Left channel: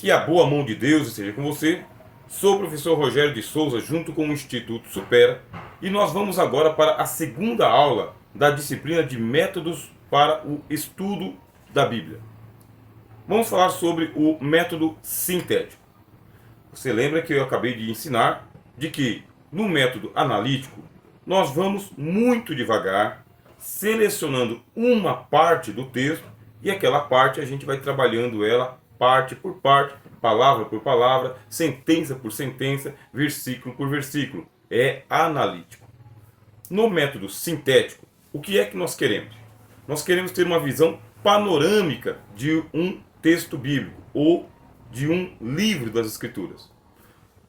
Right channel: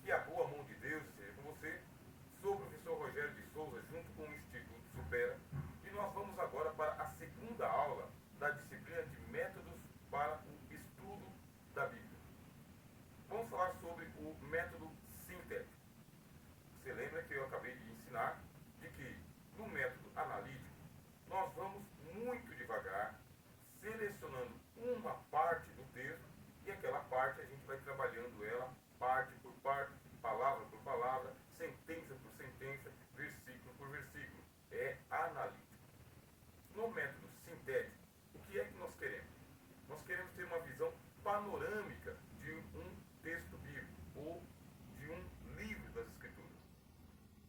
Que a boa mão de Deus esteja com você. Sou o professor Rogério de Souza, junto com o Instituto Supera, e nós vamos agora para a segunda aula da disciplina de métodos para o estudo da Bíblia. Vamos falar sobre o método sintético. Você lembra que eu acabei de ensinar de que no método analítico nós vamos muito devagar, selecionando uma parte do texto e aquela parte a gente vai trabalhando ela parte por parte, palavra por palavra, sentença por sentença, versículo por versículo. É analítico. No método sintético, o que é que nós queremos? Nós queremos ter uma visão panorâmica de um texto bíblico ou de um livro das Escrituras.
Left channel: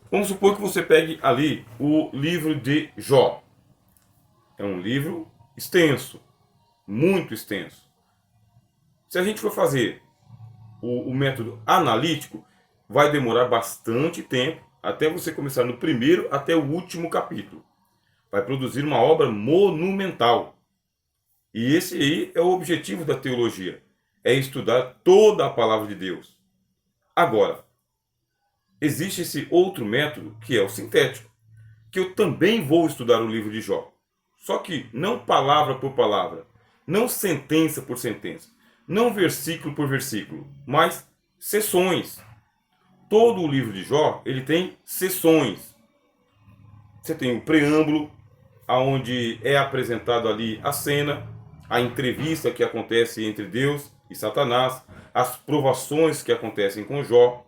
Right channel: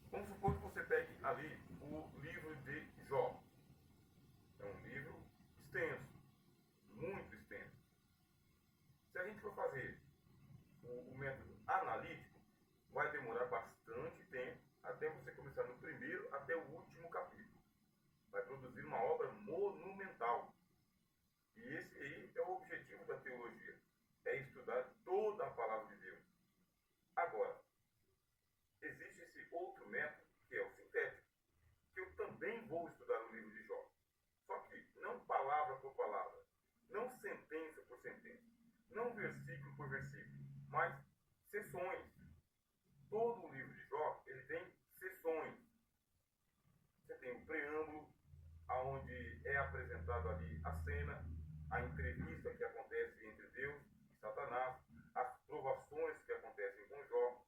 Vamos supor que você pegue ali o livro de Jó. É um livro extenso, muito extenso. Se a gente for fazer o método analítico, vai demorar bastante tempo até você começar no primeiro até o último capítulo. Vai produzir uma obra monumental. E esse aí é o objetivo da teologia, é estudar toda a palavra de Deus. Agora, existe esse outro método que é o sintético, que eu também vou estudar o livro de Jó. Só que não palavra por palavra, não sentença por sentença, não versículo por versículo, mas seções. Todo o livro de Jó, ele tem seções. Você tem o preâmbulo, aonde é apresentado ali a cena, a entrevista que acontece entre Deus e Satanás, as provações que acontecem com Jó.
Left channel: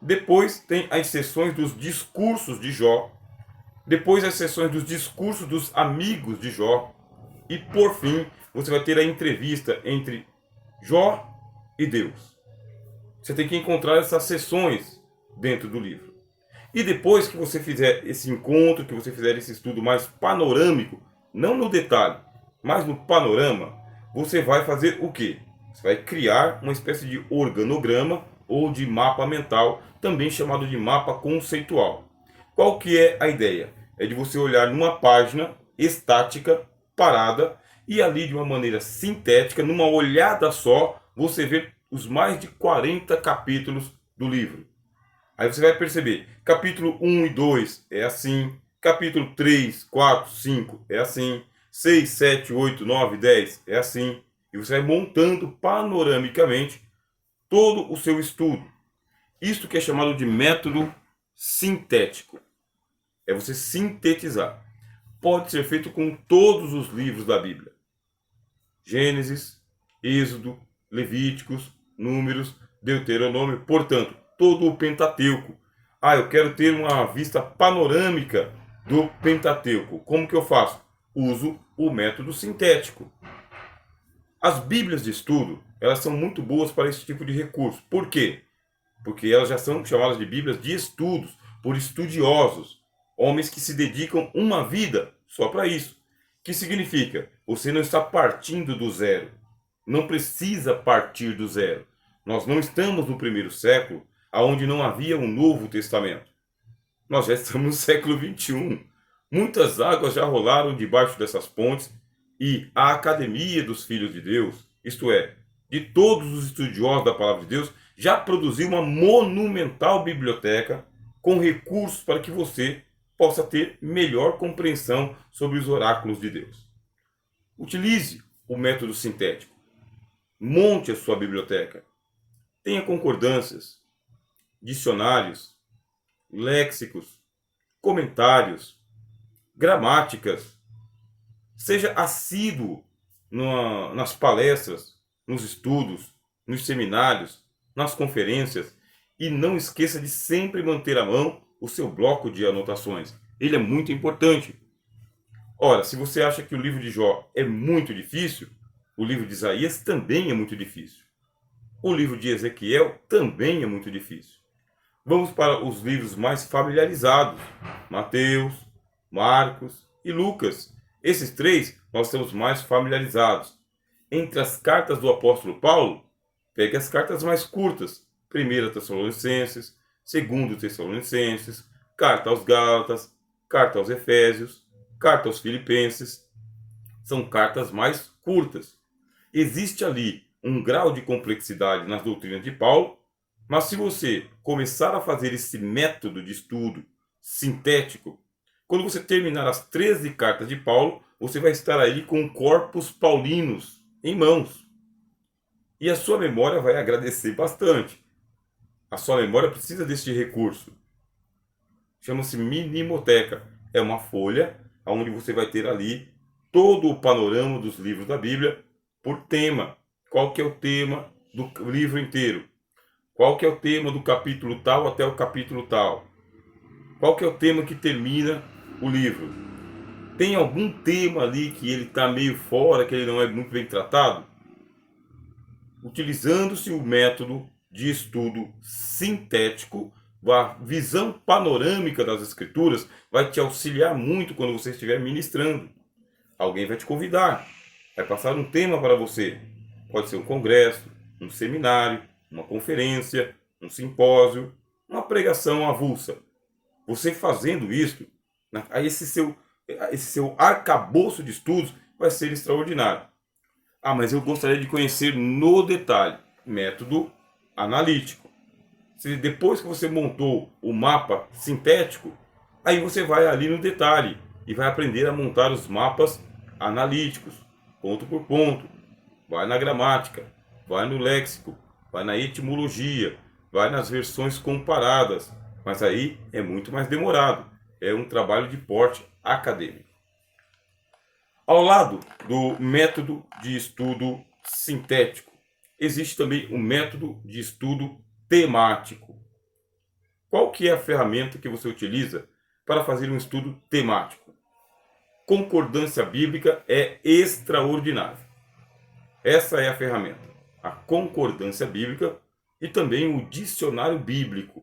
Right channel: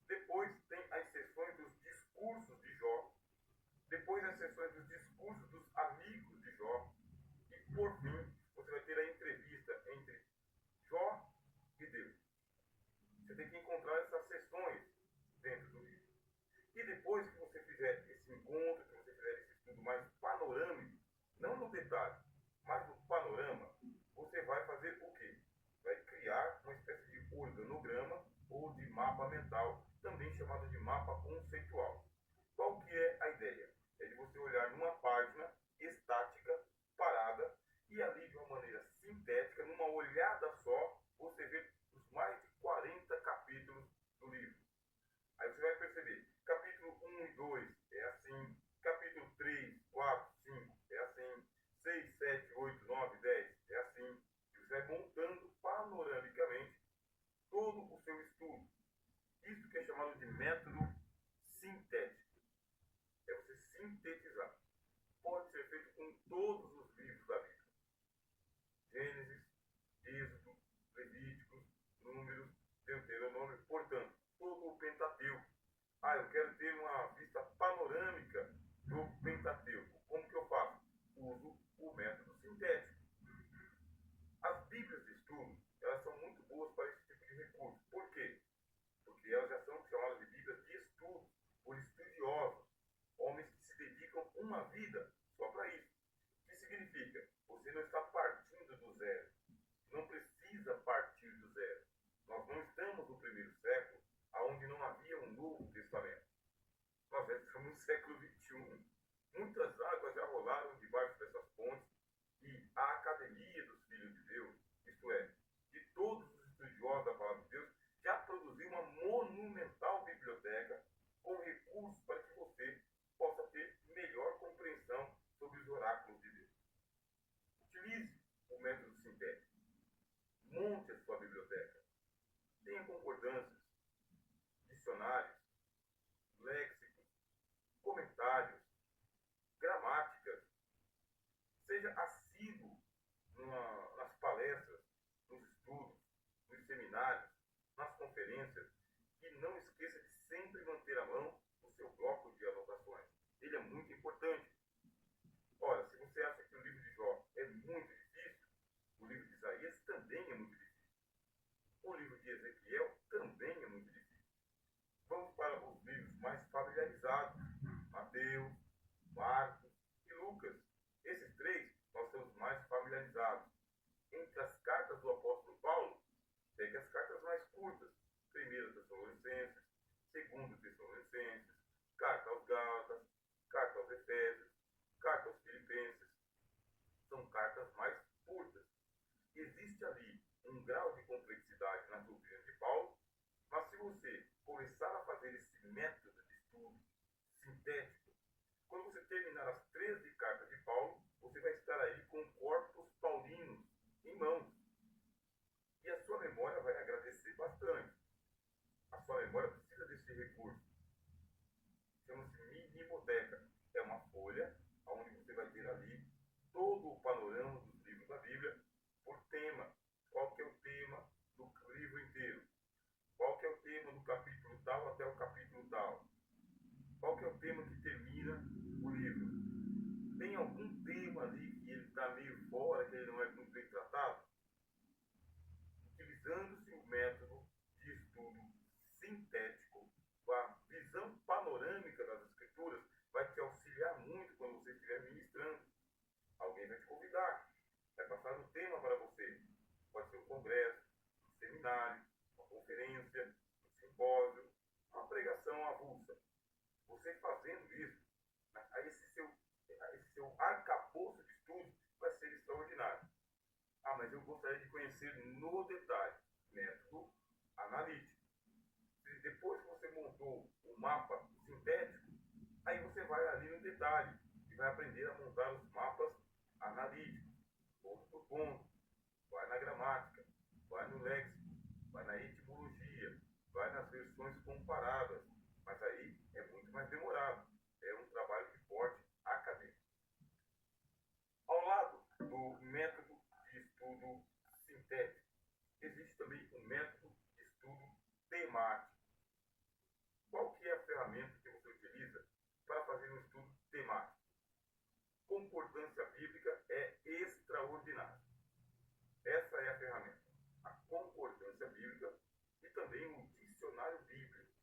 Depois tem as sessões dos discursos de Jó. Depois as sessões dos discursos dos amigos de Jó. E por fim, você vai ter a entrevista entre Jó e Deus. Você tem que encontrar essas sessões dentro do livro. E depois que você fizer esse encontro, que você fizer esse estudo mais panorâmico, não no detalhe, mas no panorama, você vai fazer o quê? Você vai criar uma espécie de organograma ou de mapa mental, também chamado de mapa conceitual. Qual que é a ideia? É de você olhar numa página estática, parada, e ali de uma maneira sintética, numa olhada só, você ver os mais de 40 capítulos do livro. Aí você vai perceber, capítulo 1 e 2 é assim, capítulo 3, 4, 5 é assim, 6, 7, 8, 9, 10 é assim, e você vai montando panoramicamente todo o seu estudo. Isto que é chamado de método sintético. É você sintetizar. Pode ser feito com todos os livros da Bíblia. Gênesis, Êxodo, Levíticos, Números, Deuteronômio, portanto, todo o Pentateuco. Ah, eu quero ter uma vista panorâmica do Pentateuco. Como que eu faço? Uso o método sintético. As Bíblias de estudo, elas são muito boas para esse tipo de recurso. Por quê? Porque elas já são chamadas de Bíblias de estudos, por estudiosos, homens que se dedicam uma vida só para isso. Que significa? Você não está partindo do zero. Não precisa partir do zero. Nós não estamos no primeiro século, onde não havia um Novo Testamento. Nós já estamos no século XXI. Muitas águas já rolaram debaixo dessas pontes e a Academia dos Filhos de Deus, isto é, de todos os estudiosos da Palavra de Deus, já produziu uma monumental biblioteca com recursos para que você possa ter melhor compreensão sobre os oráculos de Deus. Utilize o método sintético. Monte a sua biblioteca. Tenha concordâncias, dicionários, léxicos, comentários, gramáticas. Seja assíduo nas palestras, nos estudos, nos seminários, nas conferências. E não esqueça de sempre manter à mão o seu bloco de anotações. Ele é muito importante. Ora, se você acha que o livro de Jó é muito difícil, o livro de Isaías também é muito difícil. O livro de Ezequiel também é muito difícil. Vamos para os livros mais familiarizados: Mateus, Marcos e Lucas. Esses três nós estamos mais familiarizados. Entre as cartas do apóstolo Paulo, pegue as cartas mais curtas: 1 Tessalonicenses, 2 Tessalonicenses, carta aos Gálatas, carta aos Efésios, carta aos Filipenses. São cartas mais curtas. Existe ali um grau de complexidade nas doutrinas de Paulo, Mas se você começar a fazer esse método de estudo sintético, quando você terminar as 13 cartas de Paulo, você vai estar aí com corpos paulinos em mãos. E a sua memória vai agradecer bastante. A sua memória precisa deste recurso. Chama-se minimoteca. É uma folha onde você vai ter ali todo o panorama dos livros da Bíblia por tema. Qual que é o tema do livro inteiro? Qual que é o tema do capítulo tal até o capítulo tal? Qual que é o tema que termina o livro? Tem algum tema ali que ele está meio fora, que ele não é muito bem tratado? Utilizando-se o método de estudo sintético, a visão panorâmica das escrituras vai te auxiliar muito quando você estiver ministrando. Alguém vai te convidar, vai passar um tema para você. Pode ser um congresso, um seminário, uma conferência, um simpósio, uma pregação avulsa. Você fazendo isso, aí esse seu arcabouço de estudos vai ser extraordinário. Ah, mas eu gostaria de conhecer no detalhe. Método analítico. Se depois que você montou o mapa sintético, aí você vai ali no detalhe e vai aprender a montar os mapas analíticos, ponto por ponto. Vai na gramática, vai no léxico, vai na etimologia, vai nas versões comparadas. Mas aí é muito mais demorado. É um trabalho de porte acadêmico. Ao lado do método de estudo sintético, existe também o método de estudo temático. Qual que é a ferramenta que você utiliza para fazer um estudo temático? Concordância bíblica é extraordinária. Essa é a ferramenta. A concordância bíblica e também o dicionário bíblico.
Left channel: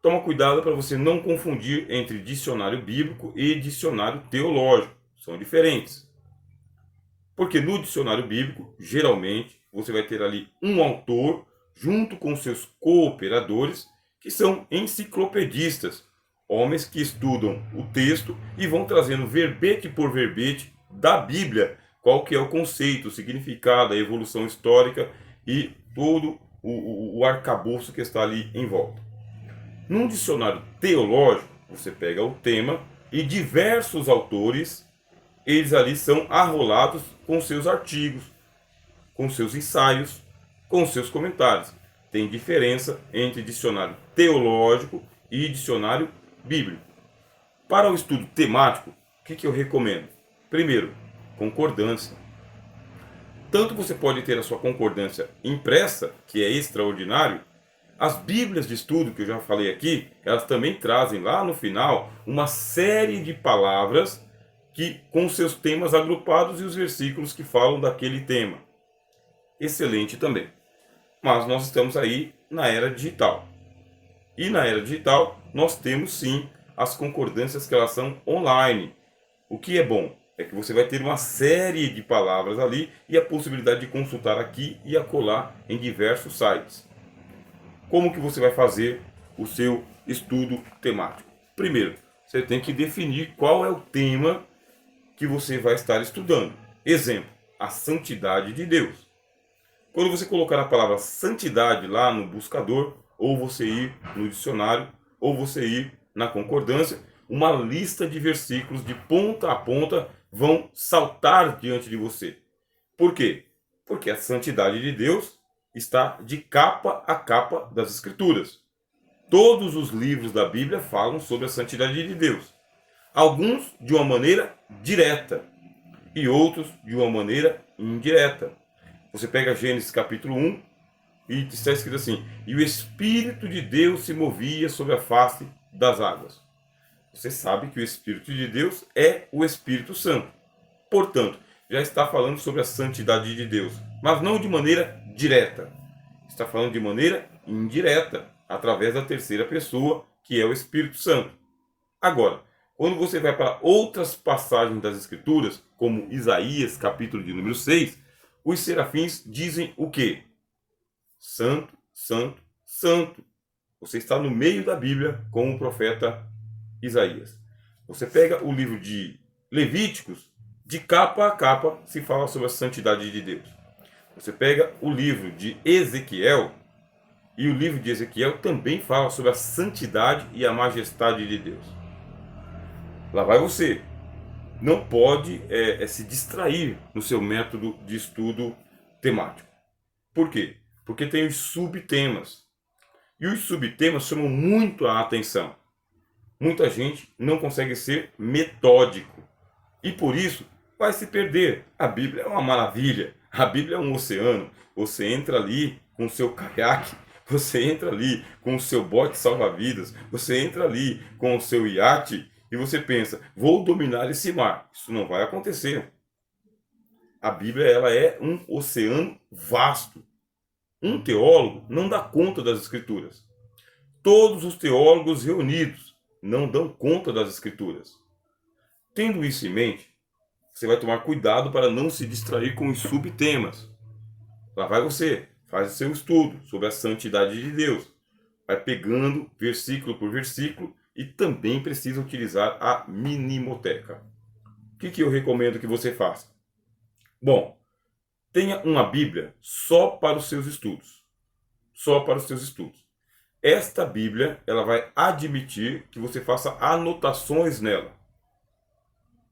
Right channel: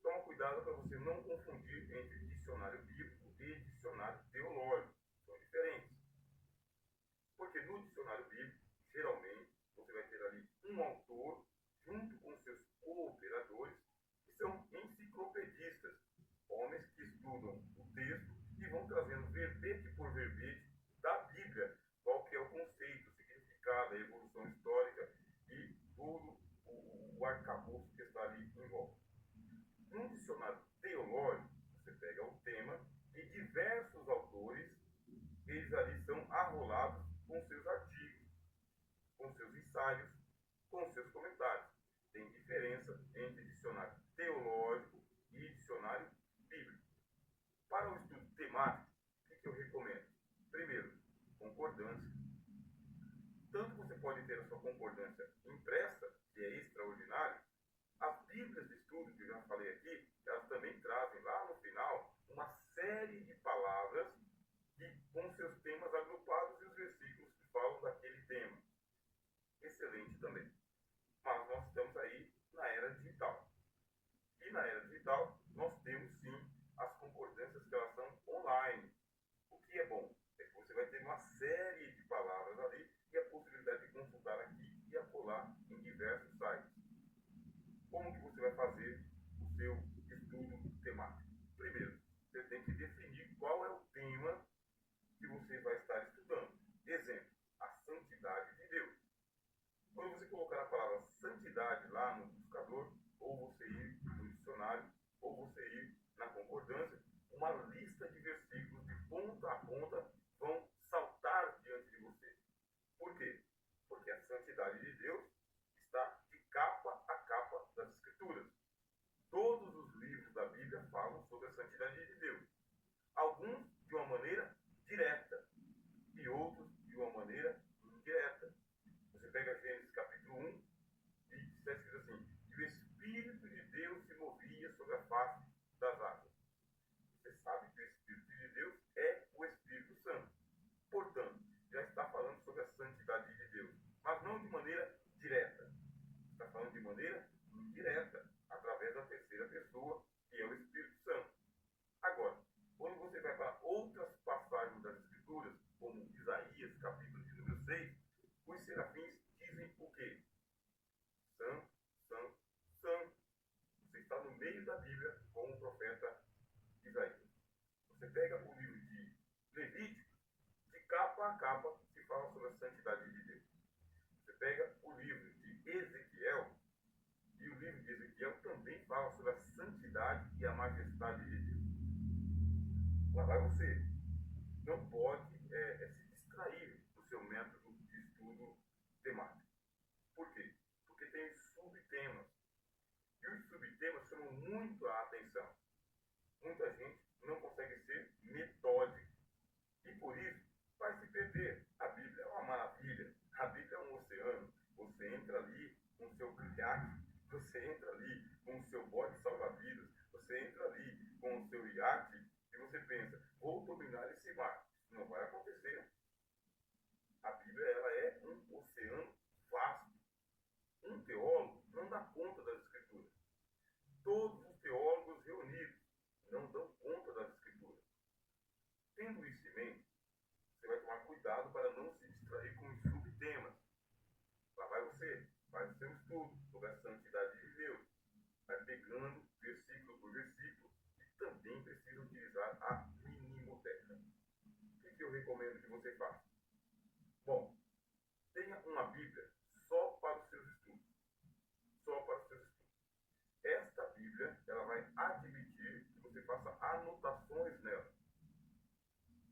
Toma cuidado para você não confundir entre dicionário bíblico e dicionário teológico. São diferentes. Porque no dicionário bíblico, geralmente, você vai ter ali um autor junto com seus cooperadores, que são enciclopedistas, homens que estudam o texto e vão trazendo verbete por verbete da Bíblia, qual que é o conceito, o significado, a evolução histórica e todo o arcabouço que está ali em volta. Num dicionário teológico, você pega o tema e diversos autores, eles ali são arrolados com seus artigos, com seus ensaios, com seus comentários. Tem diferença entre dicionário teológico e dicionário bíblico. Para o estudo temático, o que eu recomendo? Primeiro, concordância. Tanto você pode ter a sua concordância impressa, que é extraordinário. As bíblias de estudo, que eu já falei aqui, elas também trazem lá no final uma série de palavras que com seus temas agrupados e os versículos que falam daquele tema. Excelente também. Mas nós estamos aí na era digital. E na era digital nós temos sim as concordâncias que elas são online. O que é bom é que você vai ter uma série de palavras ali e a possibilidade de consultar aqui e acolá em diversos sites. Como que você vai fazer o seu estudo temático? Primeiro, você tem que definir qual é o tema que você vai estar estudando. Exemplo, a santidade de Deus. Quando você colocar a palavra santidade lá no buscador, ou você ir no dicionário, ou você ir na concordância, uma lista de versículos de ponta a ponta vão saltar diante de você. Por quê? Porque a santidade de Deus está de capa a capa das Escrituras. Todos os livros da Bíblia falam sobre a santidade de Deus. Alguns de uma maneira direta e outros de uma maneira indireta. Você pega Gênesis capítulo 1 e está escrito assim: e o Espírito de Deus se movia sobre a face das águas. Você sabe que o Espírito de Deus é o Espírito Santo. Portanto, já está falando sobre a santidade de Deus, mas não de maneira direta. Está falando de maneira indireta, através da terceira pessoa, que é o Espírito Santo. Agora, quando você vai para outras passagens das Escrituras, como Isaías, capítulo de número 6, os serafins dizem o quê? Santo, santo, santo. Você está no meio da Bíblia com o profeta Isaías. Você pega o livro de Levíticos, de capa a capa se fala sobre a santidade de Deus. Você pega o livro de Ezequiel E o livro de Ezequiel também fala sobre a santidade e a majestade de Deus. Lá vai você. Não pode se distrair no seu método de estudo temático. Por quê? Porque tem os subtemas. E os subtemas chamam muito a atenção. Muita gente não consegue ser metódico. E por isso vai se perder. A Bíblia é uma maravilha. A Bíblia é um oceano. Você entra ali com o seu caiaque, você entra ali com o seu bote salva-vidas, você entra ali com o seu iate e você pensa, vou dominar esse mar. Isso não vai acontecer. A Bíblia ela é um oceano vasto. Um teólogo não dá conta das Escrituras. Todos os teólogos reunidos não dão conta das Escrituras. Tendo isso em mente, você vai tomar cuidado para não se distrair com os subtemas. Lá vai você, faz o seu estudo sobre a santidade de Deus. Vai pegando versículo por versículo e também precisa utilizar a minimoteca. O que eu recomendo que você faça? Bom, tenha uma Bíblia só para os seus estudos. Só para os seus estudos. Esta Bíblia, ela vai admitir que você faça anotações nela.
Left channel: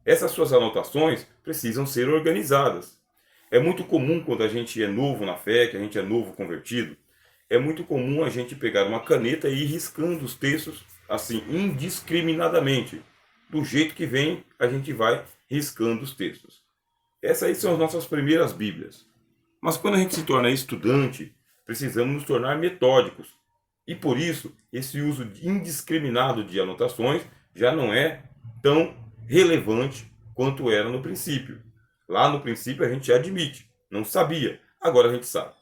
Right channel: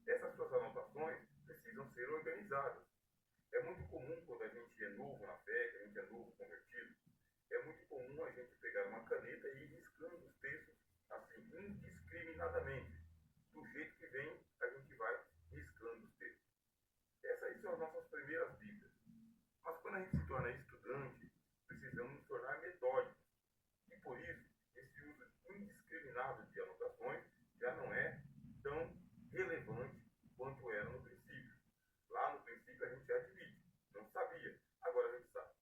Essas suas anotações precisam ser organizadas. É muito comum quando a gente é novo na fé, que a gente é novo convertido, é muito comum a gente pegar uma caneta e ir riscando os textos assim, indiscriminadamente. Do jeito que vem, a gente vai riscando os textos. Essas aí são as nossas primeiras Bíblias. Mas quando a gente se torna estudante, precisamos nos tornar metódicos. E por isso, esse uso indiscriminado de anotações já não é tão relevante quanto era no princípio. Lá no princípio a gente admite, não sabia, agora a gente sabe.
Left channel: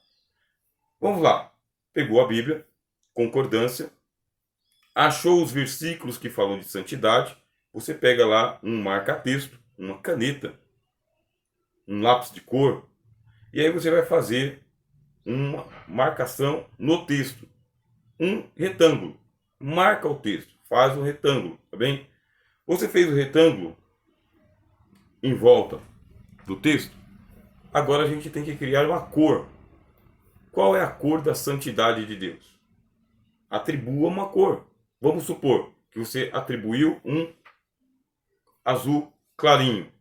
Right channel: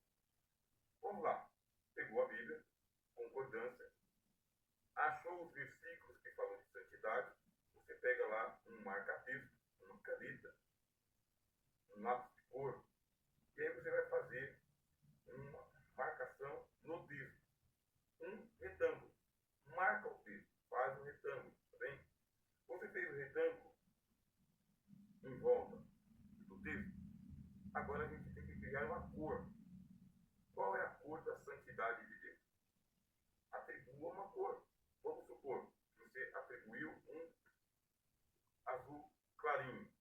Vamos lá, pegou a Bíblia, concordância, achou os versículos que falam de santidade, você pega lá um marca-texto, uma caneta, um lápis de cor, e aí você vai fazer uma marcação no texto, um retângulo. Marca o texto, faz um retângulo, tá bem? Você fez o retângulo em volta do texto, agora a gente tem que criar uma cor. Qual é a cor da santidade de Deus? Atribua uma cor. Vamos supor que você atribuiu um azul clarinho.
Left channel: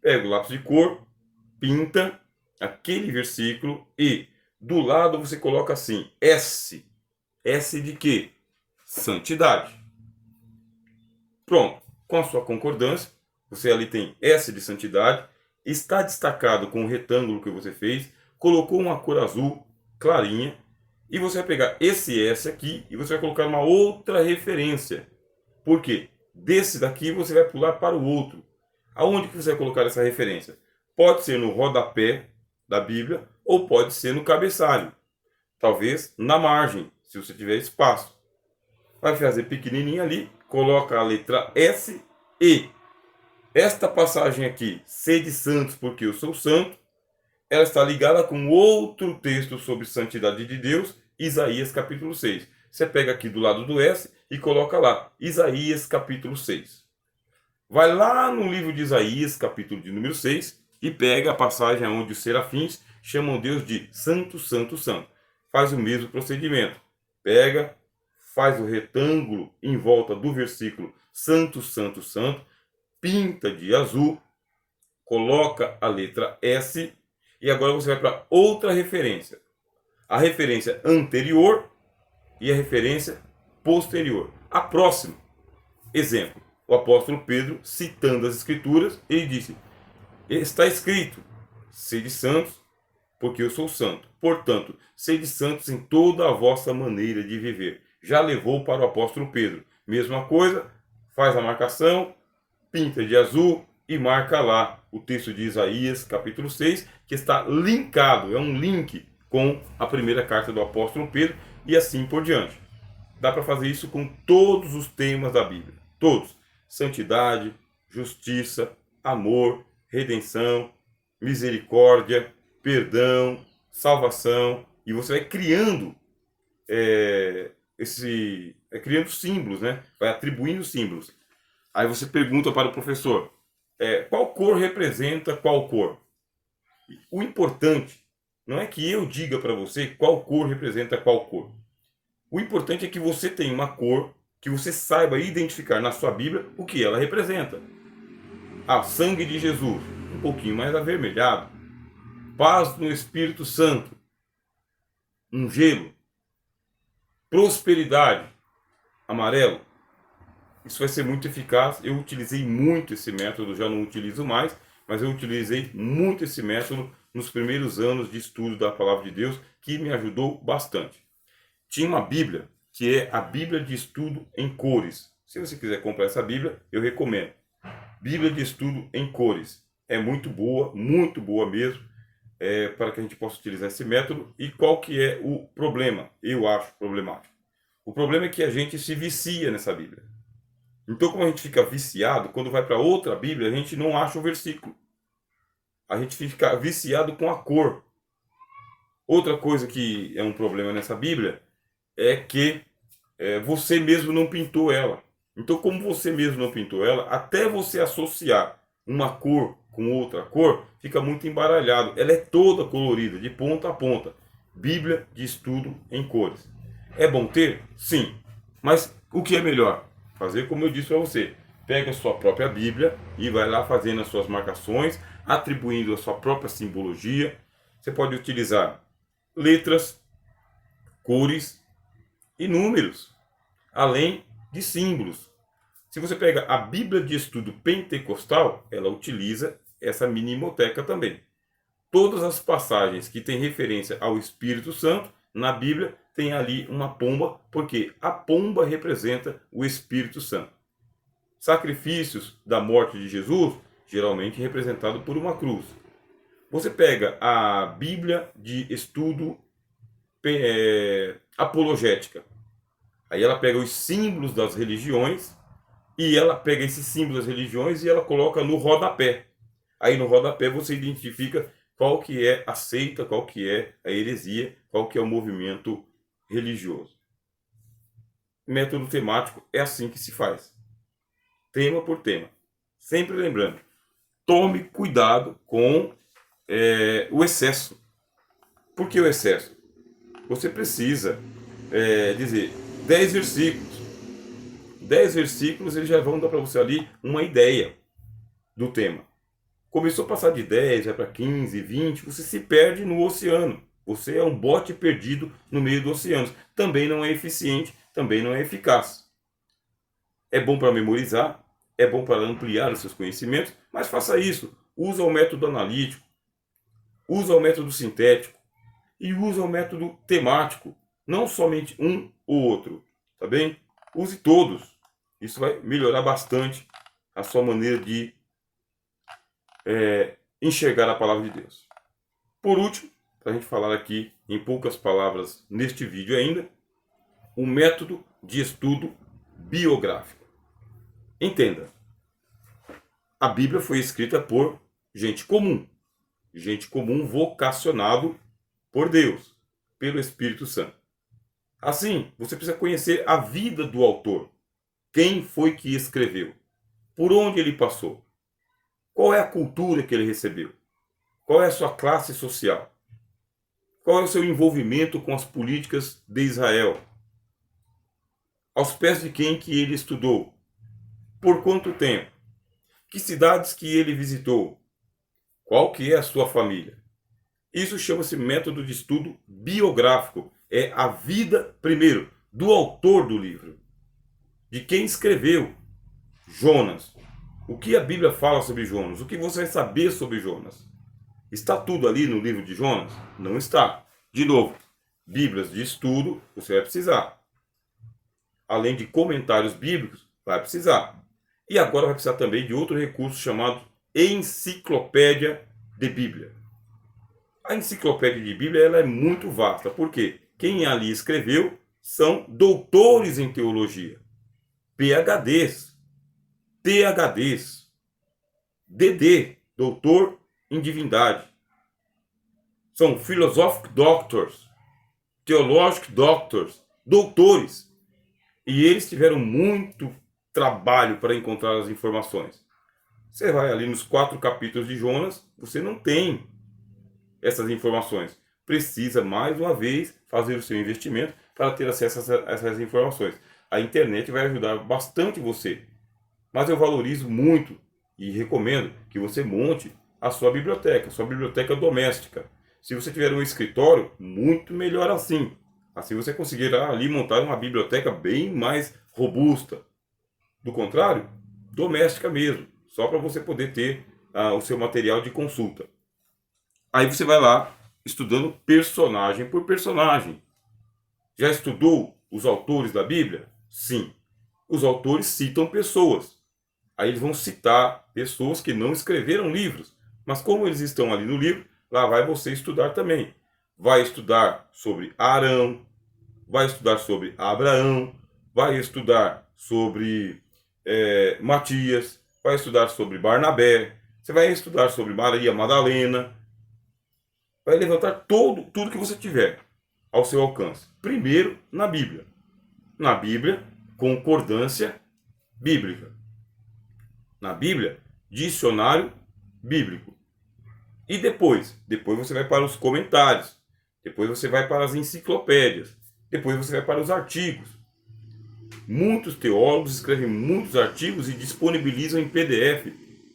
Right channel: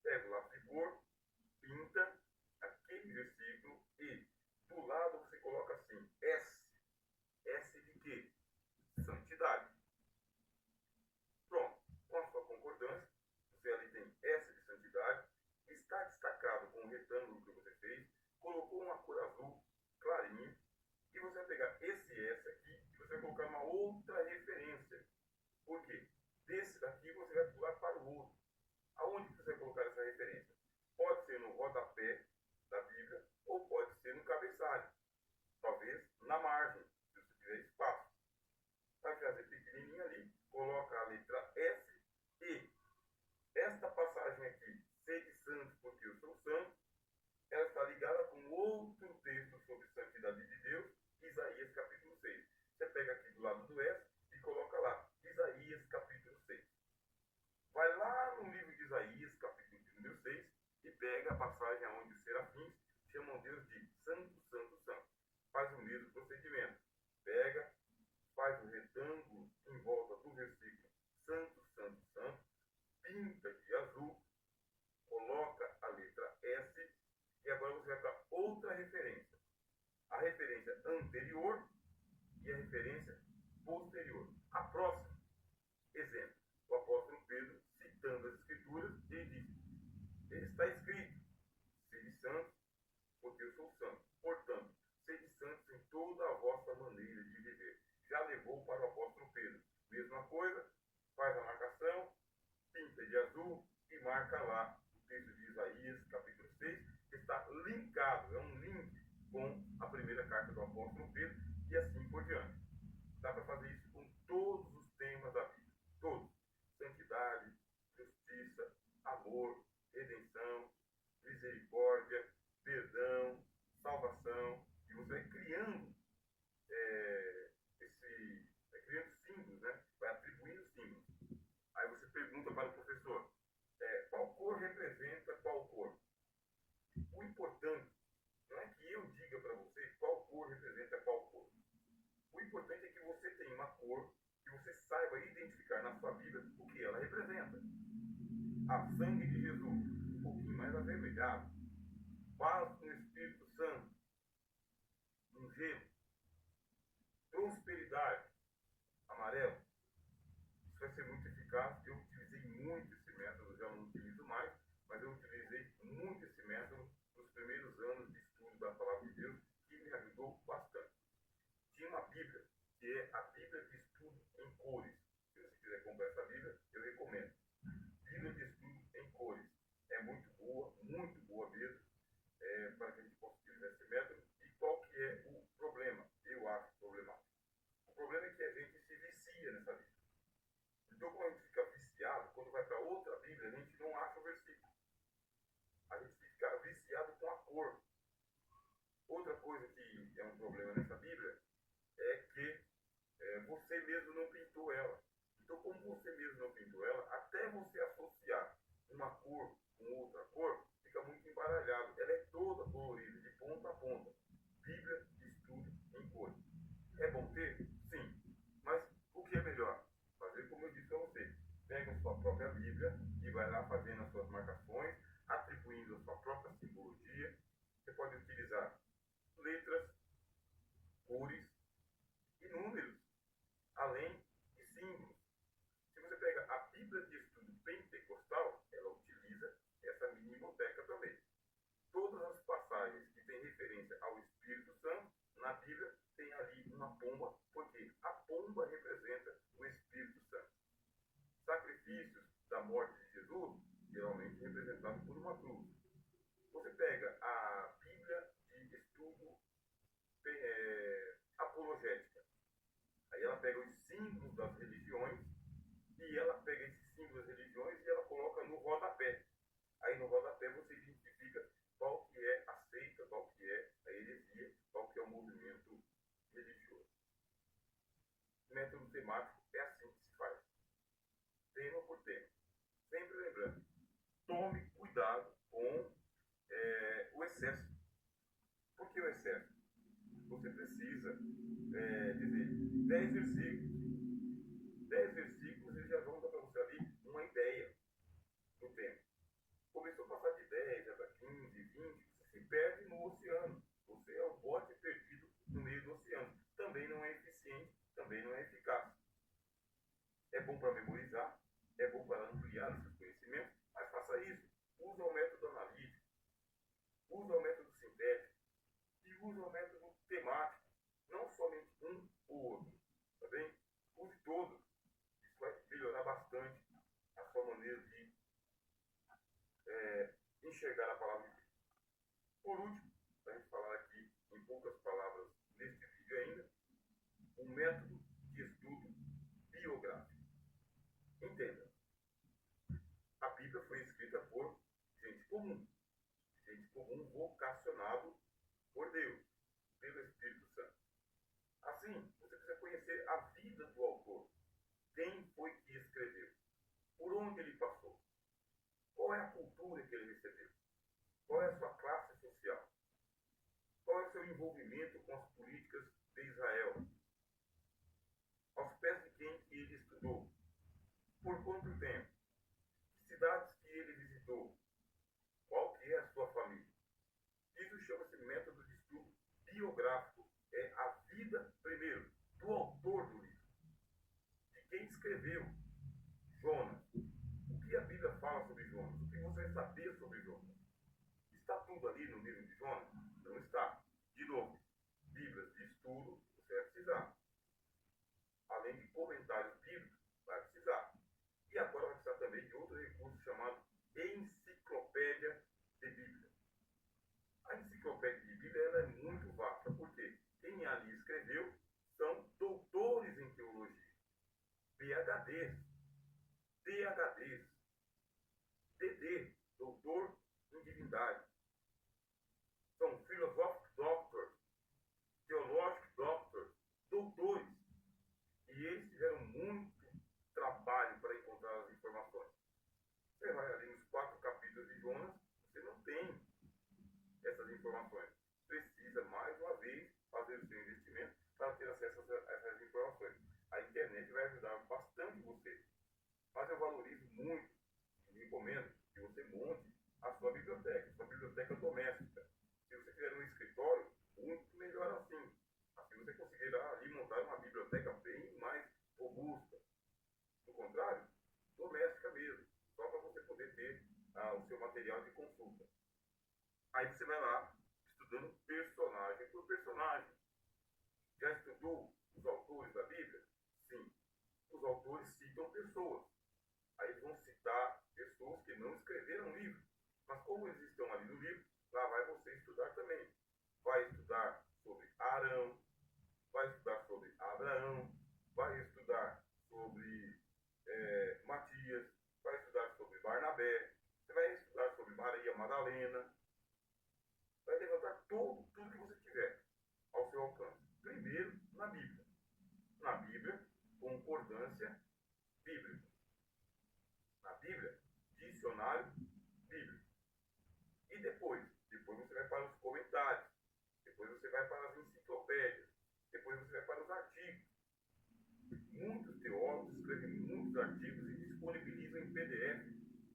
Pega o lápis de cor, pinta aquele versículo e do lado você coloca assim, S. S de quê? Santidade. Pronto. Com a sua concordância, você ali tem S de santidade, está destacado com o retângulo que você fez, colocou uma cor azul clarinha, e você vai pegar esse S aqui e você vai colocar uma outra referência. Por quê? Desse daqui você vai pular para o outro. Aonde que você vai colocar essa referência? Pode ser no rodapé da Bíblia ou pode ser no cabeçalho. Talvez na margem, se você tiver espaço. Vai fazer pequenininho ali, coloca a letra S e esta passagem aqui, sede santos porque eu sou santo, ela está ligada com outro texto sobre santidade de Deus, Isaías capítulo 6. Você pega aqui do lado do S e coloca lá, Isaías capítulo 6. Vai lá no livro de Isaías, capítulo de número 6, e pega a passagem onde os serafins chamam Deus de Santo, Santo, Santo. Faz o mesmo procedimento. Pega, faz o retângulo em volta do versículo Santo, Santo, Santo, pinta de azul, coloca a letra S e agora você vai para outra referência. A referência anterior e a referência posterior. A próxima. Exemplo. O apóstolo Pedro, citando as Escrituras, ele disse, está escrito, sede santos, porque eu sou santo. Portanto, sede santos em toda a vossa maneira de viver. Já levou para o apóstolo Pedro. Mesma coisa, faz a marcação, pinta de azul e marca lá o texto de Isaías, capítulo 6, que está linkado, é um link com a primeira carta do apóstolo Pedro e assim por diante. Dá para fazer isso com todos os temas da Bíblia. Todos. Santidade, justiça, amor, redenção, misericórdia, perdão, salvação. E você vai criando criando símbolos, né? Vai atribuindo símbolos. Aí você pergunta para o professor, qual cor representa qual cor? O importante não é que eu diga para você qual cor representa qual cor. O importante é que você tenha uma cor, que você saiba identificar na sua Bíblia o que ela representa. Ah, sangue de Jesus, um pouquinho mais avermelhado. Paz no Espírito Santo, um gelo. Prosperidade, amarelo. Isso vai ser muito eficaz. Eu utilizei muito esse método, já não utilizo mais, mas eu utilizei muito esse método nos primeiros anos de estudo da Palavra de Deus, que me ajudou bastante. Tinha uma Bíblia, que é a Bíblia de Estudo em Cores. Se você quiser comprar essa Bíblia, eu recomendo. Bíblia de Estudo em Cores. É muito boa mesmo, para que a gente possa utilizar esse método. E qual que é o problema? Eu acho problemático. O problema é que a gente se vicia nessa Bíblia. Então, como a gente fica viciado, quando vai para outra Bíblia, a gente não acha o versículo. A gente fica viciado com a cor. Outra coisa que é um problema nessa Bíblia é que você mesmo não pintou ela. Então, como você mesmo não pintou ela, até você associar uma cor com outra cor, fica muito embaralhado. Ela é toda colorida, de ponta a ponta. Bíblia de Estudo em Cores. É bom ter? Sim. Mas o que é melhor? Fazer como eu disse para você. Pega a sua própria Bíblia e vai lá fazendo as suas marcações, atribuindo a sua própria simbologia. Você pode utilizar letras, cores e números, além de símbolos. Se você pega a Bíblia de Estudo Pentecostal, ela utiliza essa minimoteca também. Todas as passagens que têm referência ao Espírito Santo na Bíblia tem ali uma pomba, porque a pomba representa o Espírito Santo. Sacrifícios da morte de Jesus, geralmente representado por uma cruz. Você pega a Bíblia de Estudo Apologética. Aí ela pega os símbolos das religiões e ela pega esses símbolos das religiões e ela coloca no rodapé. Aí no rodapé você identifica qual que é a seita, qual que é a heresia, qual que é o movimento religioso. Método temático é assim que se faz. Tema por tema. Sempre lembrando, tome cuidado com o excesso. Por que o excesso? Você precisa dizer 10 versículos. 10 versículos eles já vão dar para você ali uma ideia do tema. Começou a passar de 10, vai para 15, 20, você se perde no oceano. Você é um bote perdido no meio do oceano. Também não é eficiente, também não é eficaz. É bom para memorizar, é bom para ampliar os seus conhecimentos, mas faça isso. Usa o método analítico, usa o método sintético e usa o método temático. Não somente um ou outro, tá bem? Use todos. Isso vai melhorar bastante a sua maneira de enxergar a palavra de Deus. Por último, para a gente falar aqui em poucas palavras neste vídeo ainda, o método de estudo biográfico. Entenda, a Bíblia foi escrita por gente comum vocacionado por Deus, pelo Espírito Santo. Assim, você precisa conhecer a vida do autor, quem foi que escreveu, por onde ele passou, qual é a cultura que ele recebeu, qual é a sua classe social, qual é o seu envolvimento com as políticas de Israel, aos pés de quem que ele estudou, por quanto tempo, que cidades que ele visitou, qual que é a sua família. Isso chama-se método de estudo biográfico. É a vida, primeiro, do autor do livro, de quem escreveu Jonas. O que a Bíblia fala sobre Jonas? O que você vai saber sobre Jonas? Está tudo ali no livro de Jonas? Não está. De novo, Bíblias de estudo você vai precisar. Além de comentários bíblicos, vai precisar. E agora vai precisar também de outro recurso chamado Enciclopédia de Bíblia. A Enciclopédia de Bíblia ela é muito vasta, porque quem ali escreveu são doutores em teologia, PhDs, PhDs, DD, doutor em divindade. São philosophic doctors, theologic doctors, doutores. E eles tiveram muito trabalho para encontrar as informações. Você vai ali nos 4 capítulos de Jonas, você não tem essas informações. Precisa, mais uma vez, fazer o seu investimento para ter acesso a essas informações. A internet vai ajudar bastante você, mas eu valorizo muito e recomendo que você monte a sua biblioteca doméstica. Se você tiver um escritório, muito melhor assim. Assim você conseguirá ali montar uma biblioteca bem mais robusta. Do contrário, doméstica mesmo, só para você poder ter o seu material de consulta. Aí você vai lá estudando personagem por personagem. Já estudou os autores da Bíblia? Sim. Os autores citam pessoas. Aí eles vão citar pessoas que não escreveram livros. Mas como eles estão ali no livro, lá vai você estudar também. Vai estudar sobre Arão, vai estudar sobre Abraão, vai estudar sobre Matias, vai estudar sobre Barnabé, você vai estudar sobre Maria Madalena, vai levantar tudo que você tiver ao seu alcance. Primeiro, na Bíblia. Na Bíblia, concordância bíblica. Na Bíblia, dicionário bíblico. E depois você vai para os comentários. Depois você vai para as enciclopédias. Depois você vai para os artigos. Muitos teólogos escrevem muitos artigos e disponibilizam em PDF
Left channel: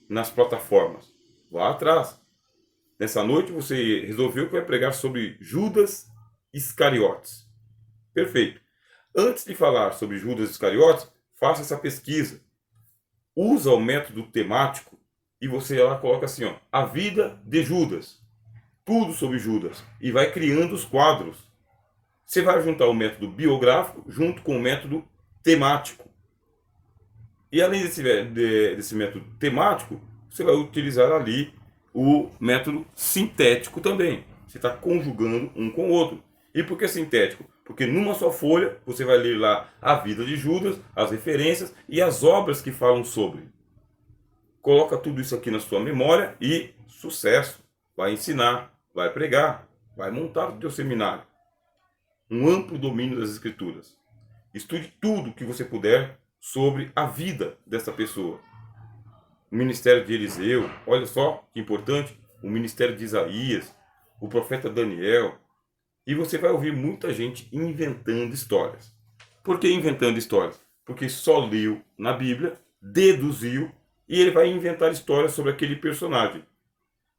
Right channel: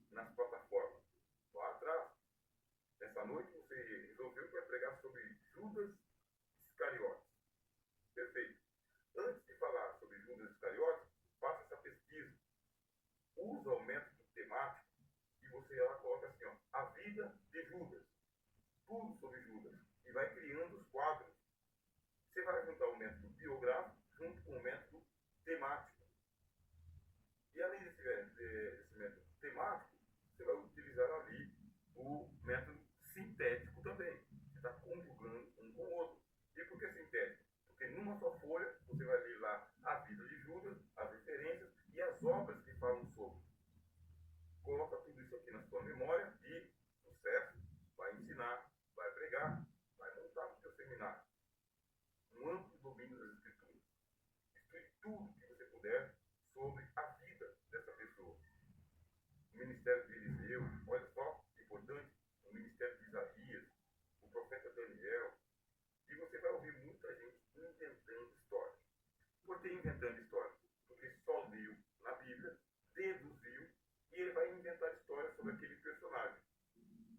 nas plataformas. Vá atrás. Nessa noite você resolveu que vai pregar sobre Judas Iscariotes. Perfeito. Antes de falar sobre Judas Iscariotes, faça essa pesquisa. Usa o método temático e você lá coloca assim, ó, a vida de Judas. Tudo sobre Judas. E vai criando os quadros. Você vai juntar o método biográfico junto com o método temático. E além desse método temático, você vai utilizar ali o método sintético também. Você está conjugando um com o outro. E por que sintético? Porque numa só folha você vai ler lá a vida de Judas, as referências e as obras que falam sobre. Coloca tudo isso aqui na sua memória e sucesso. Vai ensinar, vai pregar, vai montar o teu seminário. Um amplo domínio das escrituras. Estude tudo que você puder sobre a vida dessa pessoa. O ministério de Eliseu, olha só que importante, o ministério de Isaías, o profeta Daniel. E você vai ouvir muita gente inventando histórias. Por que inventando histórias? Porque só leu na Bíblia, deduziu, e ele vai inventar histórias sobre aquele personagem.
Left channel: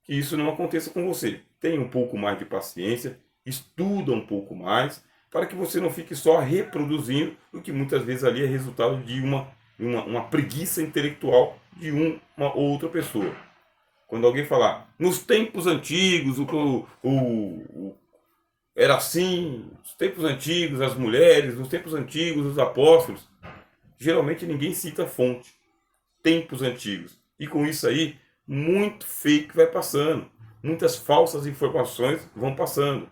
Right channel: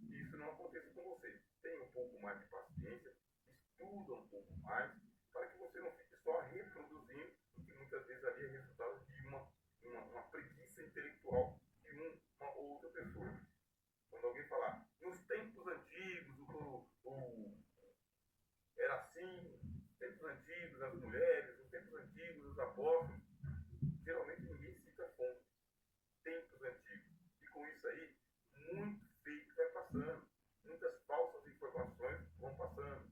Que isso não aconteça com você. Tenha um pouco mais de paciência, estuda um pouco mais, para que você não fique só reproduzindo o que muitas vezes ali é resultado de uma preguiça intelectual de uma outra pessoa. Quando alguém falar, nos tempos antigos, era assim, nos tempos antigos, as mulheres, nos tempos antigos, os apóstolos, geralmente ninguém cita a fonte. Tempos antigos. E com isso aí, muito fake vai passando. Muitas falsas informações vão passando.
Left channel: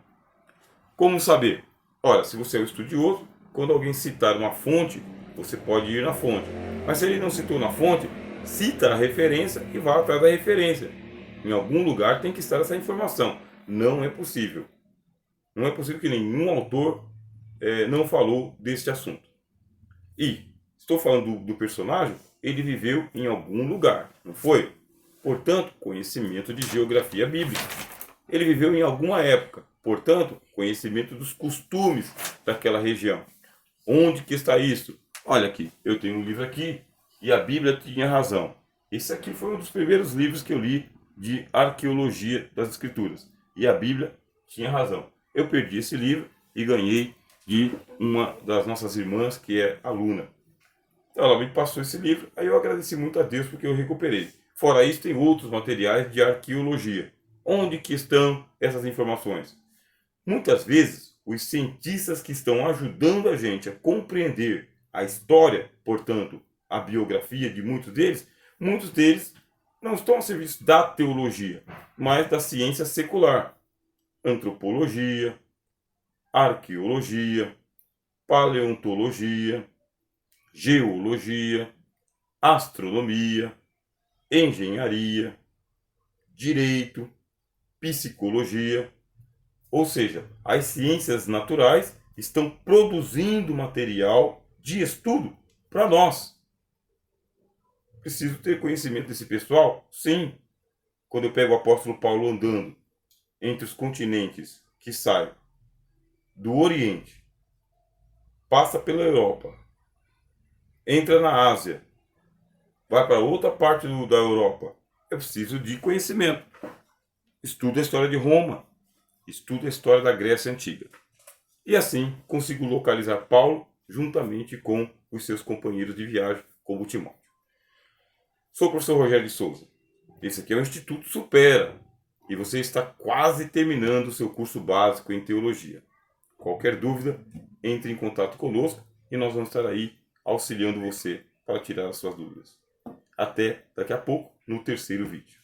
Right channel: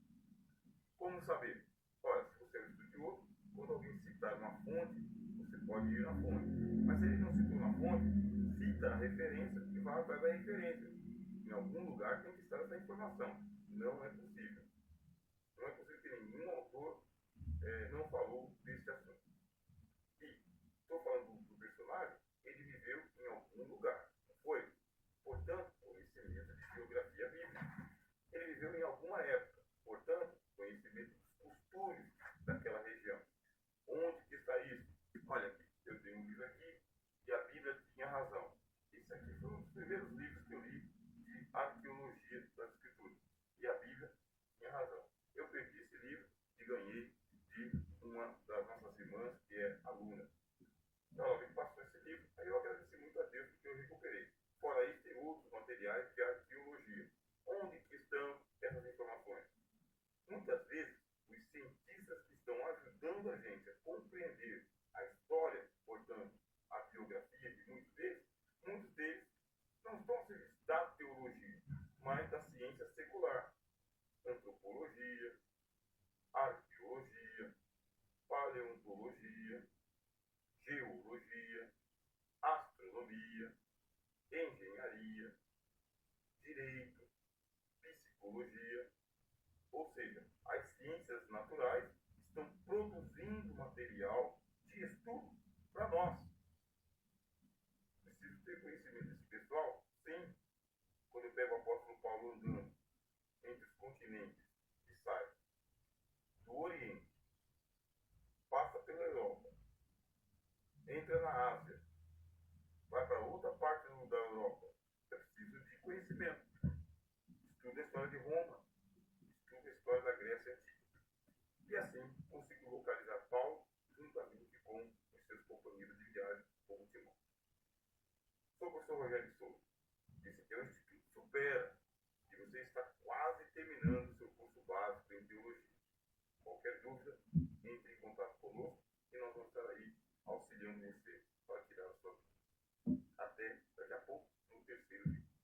Como saber? Ora, se você é um estudioso, quando alguém citar uma fonte, você pode ir na fonte. Mas se ele não citou na fonte, cita a referência e vá atrás da referência. Em algum lugar tem que estar essa informação. Não é possível. Não é possível que nenhum autor não falou deste assunto. E estou falando do personagem, ele viveu em algum lugar, não foi? Portanto, conhecimento de geografia bíblica. Ele viveu em alguma época, portanto, conhecimento dos costumes daquela região. Onde que está isso? Olha aqui, eu tenho um livro aqui e a Bíblia tinha razão. Esse aqui foi um dos primeiros livros que eu li de arqueologia das escrituras. E a Bíblia tinha razão. Eu perdi esse livro e ganhei de uma das nossas irmãs que é aluna. Então ela me passou esse livro, aí eu agradeci muito a Deus porque eu recuperei. Fora isso, tem outros materiais de arqueologia. Onde que estão essas informações? Muitas vezes, os cientistas que estão ajudando a gente a compreender a história, portanto, a biografia de muitos deles não estão a serviço da teologia, mas da ciência secular. Antropologia, arqueologia, paleontologia, geologia, astronomia, engenharia, direito, psicologia. Ou seja, as ciências naturais estão produzindo material de estudo para nós. Preciso ter conhecimento desse pessoal? Sim. Quando eu pego o apóstolo Paulo andando entre os continentes que saem do Oriente, passa pela Europa, entra na Ásia, vai para outra parte da Europa. Eu preciso de conhecimento. Estudo a história de Roma, estudo a história da Grécia Antiga. E assim consigo localizar Paulo juntamente com os seus companheiros de viagem, como Timóteo. Sou o professor Rogério de Souza. Esse aqui é o Instituto Supera e você está quase terminando o seu curso básico em teologia. Qualquer dúvida, entre em contato conosco e nós vamos estar aí auxiliando você para tirar as suas dúvidas. Até daqui a pouco no terceiro vídeo.